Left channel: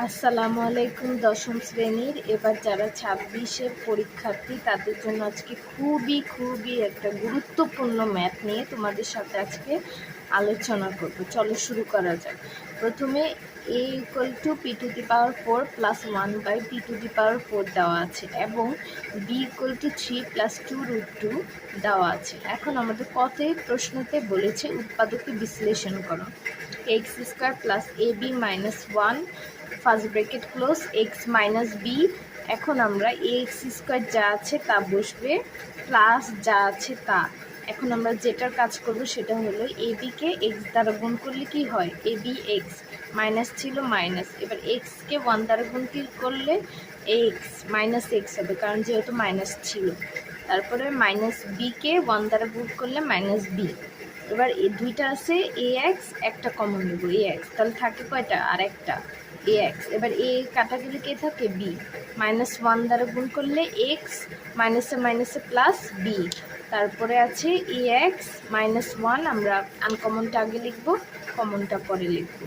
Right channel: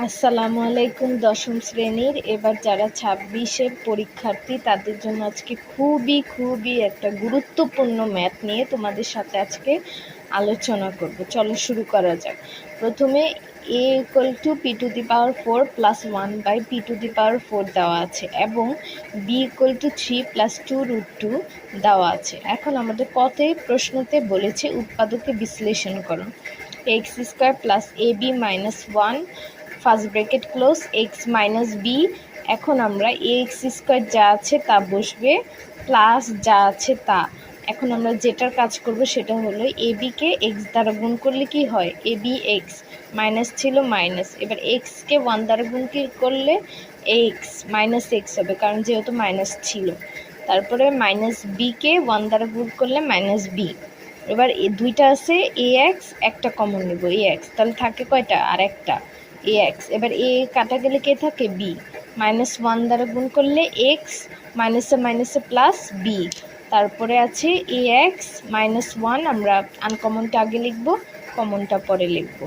আসসালামু আলাইকুম দশম শ্রেণীর এবার যারা 26-এর পরীক্ষার্থী তাদের জন্য আজকে খুবই একটা গুরুত্বপূর্ণ ম্যাথ নিয়ে তোমাদের সাথে আজকে আলোচনা করব। চলো শুরু করা যাক। প্রথমে a = p⁴ + 1/p⁴ দেওয়া আছে এবং b = 3 + 2√2 দেওয়া আছে। এখন আমাদের প্রশ্নতে বলেছে উৎপাদকে বিশ্লেষণ করো। x² + ab - 1 first bracket close x - b। এখন আমরা ax² যা আছে তা বসবে প্লাস যা আছে তা। এখন আমরা যেটার কাজ করব সেটা হলো ab কে x দ্বারা গুণ করলে কি হয়, abx মাইনাস ছিল মাইনাস, এবার x কে 1 দ্বারা গুণ করলে x -x হবে কারণ যেহেতু মাইনাস ছিল। তারপরে b কে 1 দ্বারা গুণ করলে -b। এবার দুইটা আছে ax, একটা কমন নেব ax, তাহলে থাকে কয়টা আর একটা ax। এবার a কাটা গেলে কে থাকে b, -1 দ্বারা গুণ করলে x, মাইনাসে প্লাস b। তারপরে আছে ax - 1, আমরা আনকমনটা আগে লিখব, কমনটা পরে লিখব।